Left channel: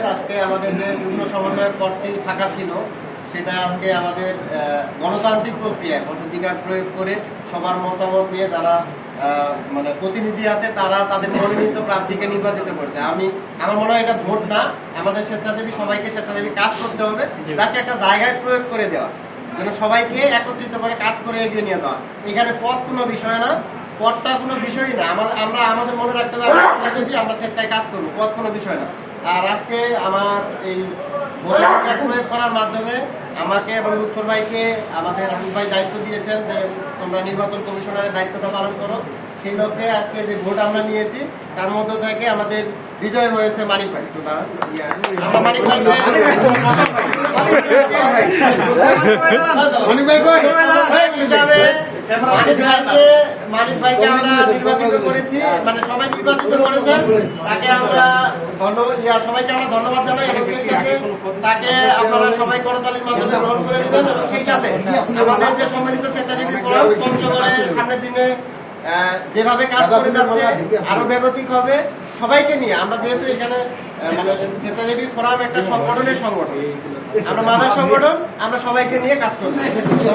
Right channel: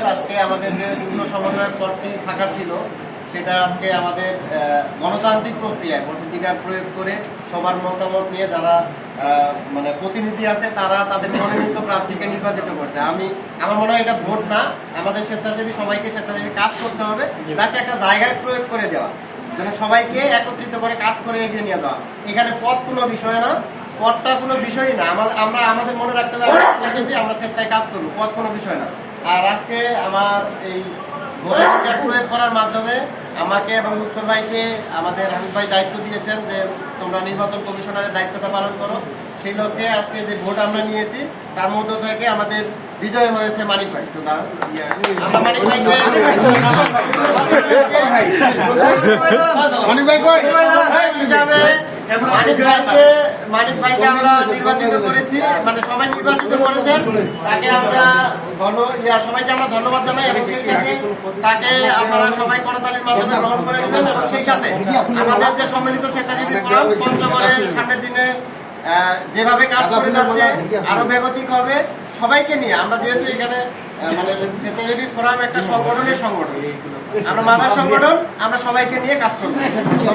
Uncle আজকে আমাদের যে যুগ্ম সমন্বয় পদটি ফাঁকা ছিল, সেটা আজকে আমাদের গণতান্ত্রিক প্রক্রিয়ায় ভোটাধিকার প্রয়োগ করে সবার মতামত নিয়ে যারা মানে প্রতিনিধি আছে, তারা তাদের মনোনীত প্রার্থীকে নির্বাচিত করছে। আমি, আমার মনে হয় এটা ভোট না, আমাদের স্বেচ্ছাসেবী, সবাইকে স্বেচ্ছাসেবী কাজ করতে হবে যাতে একটা জায়গায় প্রয়োগ করে দেওয়া, যেন সবাইকে একত্রিত করে কাজ করে এগিয়ে নিয়ে দেওয়া এখানে পথ কোনো বিষয় না পথটা কোনো বিষয়ই না। আমরা, আমাদের মনে রাখতে হবে, আমরা স্বেচ্ছায় কাজ করব পথ কোনো বিষয় না। আর আজকে আমার এই প্রয়োগ করার মাধ্যমে আমাকে এবং উত্তর ভাইকে আমাদের হাবিব ভাই দায়িত্ব দিয়েছেন যে তোমরা নির্বাচন কমিশনারের দায়িত্বটা পালন করো। সেই লক্ষ্যে আজকে যে ভোট আমরা নিয়েছি তার মধ্য থেকে আমাদের বিজয় হয়েছে মানিক ভাই। তো আমরা মানিক ভাই কই? মানে সামনের দিনে যেভাবে কাজ করে যাচ্ছে, আরও বেগতিক হবে, সবাইকে নিয়ে আমরা যেহেতু এখানে মানে স্বেচ্ছাসেবী ফোরাম একটা সংগঠনের সংগঠন, আমরা মাদার সংগঠন, আমরা সবাইকে নিয়ে কাজ করব।